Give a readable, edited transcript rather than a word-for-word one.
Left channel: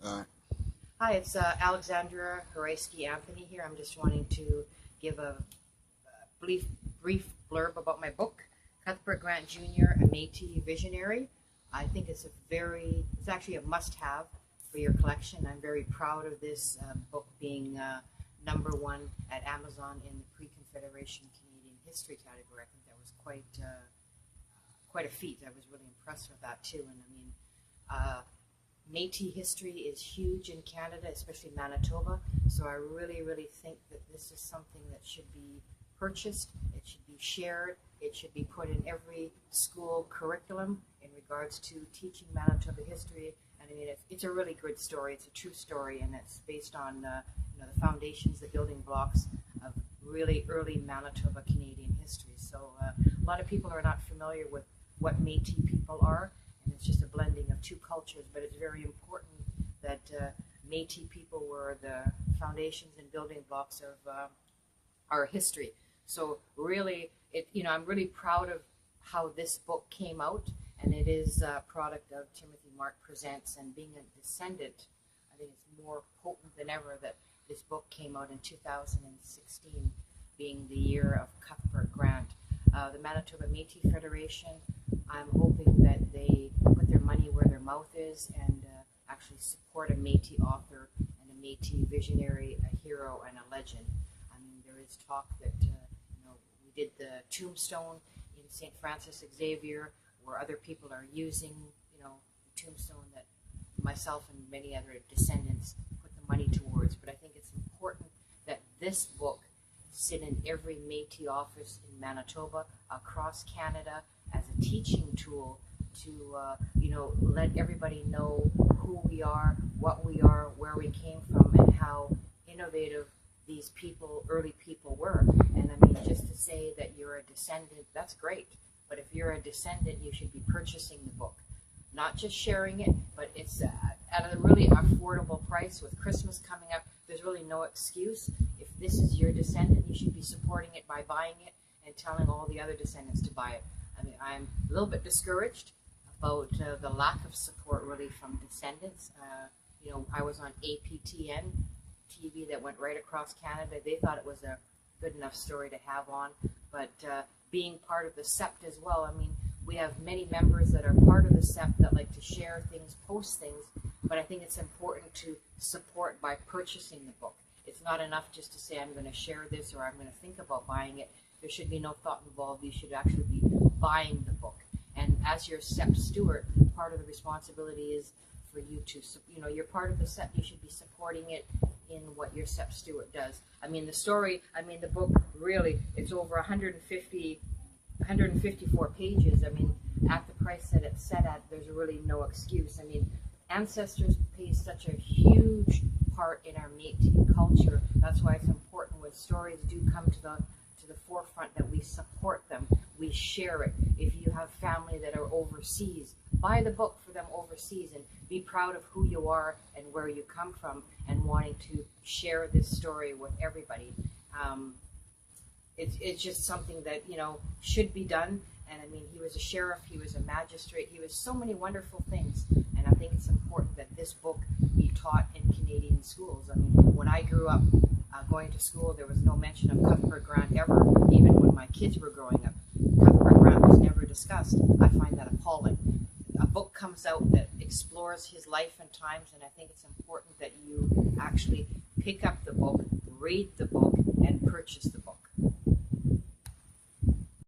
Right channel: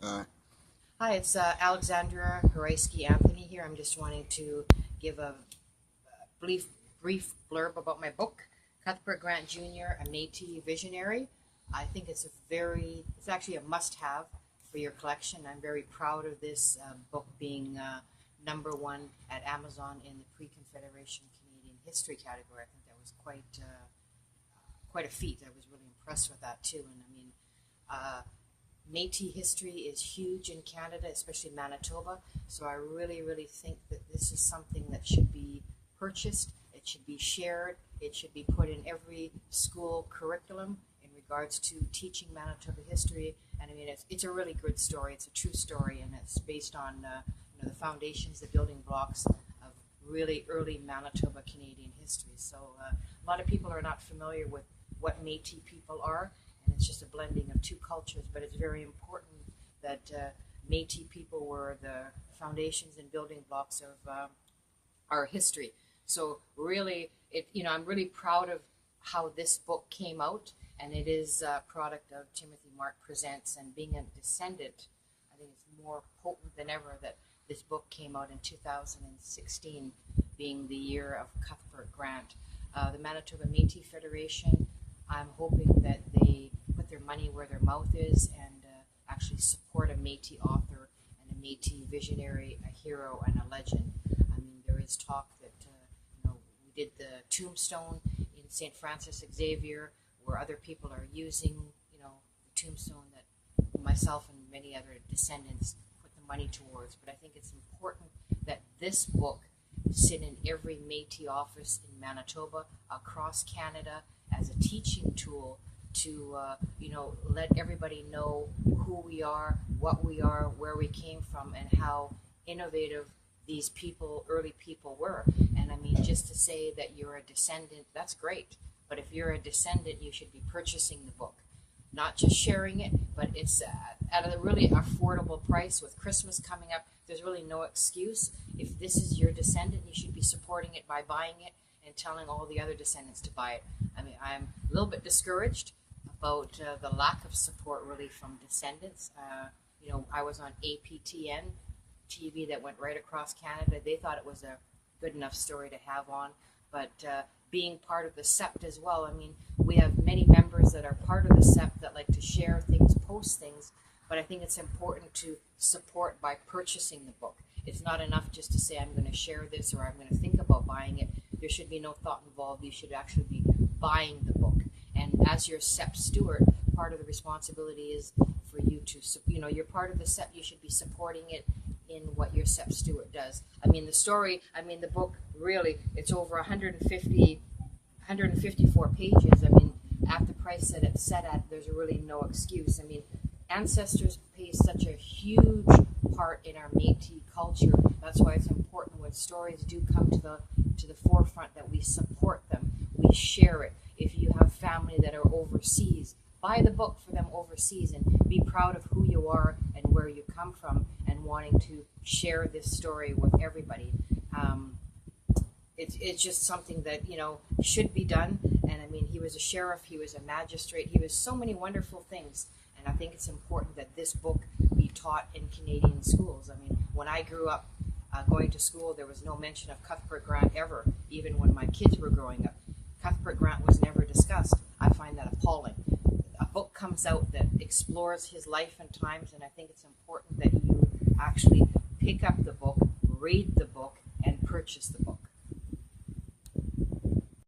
Uh, Hi, it's Alexandria Anthony here. I'm just wanting to give a brief, brief blurb about my book, Cuthbert Grant Jr., a Métis Visionary. I think it's actually a must-have for your collection. I'm very proud of this book being number one at Amazon in the Pre-Confederation Canadian History category. I think that was quite a feat. I was really impressed with that too. And I mean, uh, Métis history is huge in Canada, especially Manitoba. So I really think that this is something that should be purchased. It should be shared. It should be put in every school curriculum in regards to teaching Manitoba history. And I mean, it's a really good story. It's a true story, and it's based on the foundations, the building blocks of really early Manitoba Canadian history. So a lot of people are not familiar with what Métis people are, and it's just a blending of two cultures. But it's very important that Métis people were the foundations and building blocks of our history. So really, I'm really proud of how this book came out, and it is a product of Timothy Mark Presents. And being a descendant, I think it's more potent than ever that this book came out in 2016, being the year of Cuthbert Grant. The Manitoba Métis Federation, I'm hoping that they put their money where their mouth is and actually support a Métis author and a Métis visionary, a hero, and a legend. I mean, there is talk that we did the tombstone in St. Francis Xavier, where other people are using the tombstone that myself and many other descendants put the money towards. But I think it's important that this book sit in every Métis office in Manitoba, across Canada, as a teaching tool to let everybody know who we are, what we are, where we came from, and how innovative these people, early people, were. And I mean, just to say that you're a descendant, that's great. But if you're a descendant, you should be purchasing the book, not just sharing it, but it's at a really affordable price. With Christmas coming up, there's really no excuse. If this is your descendant, you should be supporting it by buying it and telling all the other descendants to buy it. I mean, I'm a little bit discouraged about the lack of support really from descendants. I was on APTN TV that went right across Canada. They thought it was a good enough story to have on, but being part of the SEPT as well. I mean, we have many members that are part of the SEPT that like to share things, post things, but I think it's important to support by purchasing the book. It's not enough just to say, I'm going to share this or I'm going to think about buying it. There should be no thought involved. You should actually be buying the book. And as your SEPT steward, part of the responsibility is for you to, you're part of the SEPT, you should be supporting it in what your SEPT steward does. I mean, the book, really, it's over 154 pages. I mean, at the price that it's set at, there's really no excuse. I mean, ancestors play such a huge part in our Métis culture. That's why it's important when stories do come to the forefront that we support them, we share it. If you have family that are overseas, buy the book for them overseas and be proud of who you are and where you come from, and wanting to share this story with everybody. It's just something that should be done. And I mean, he was a sheriff, he was a magistrate, he was so many wonderful things. And I think it's important that this book be taught in Canadian schools. I mean, when I grew up going to school, there was no mention of Cuthbert Grant ever. Even when my kids were growing up, Cuthbert Grant was never discussed. I find that appalling. A book comes out that explores his life and times, and I think it's important that you actually pick up the book, read the book, and purchase the book.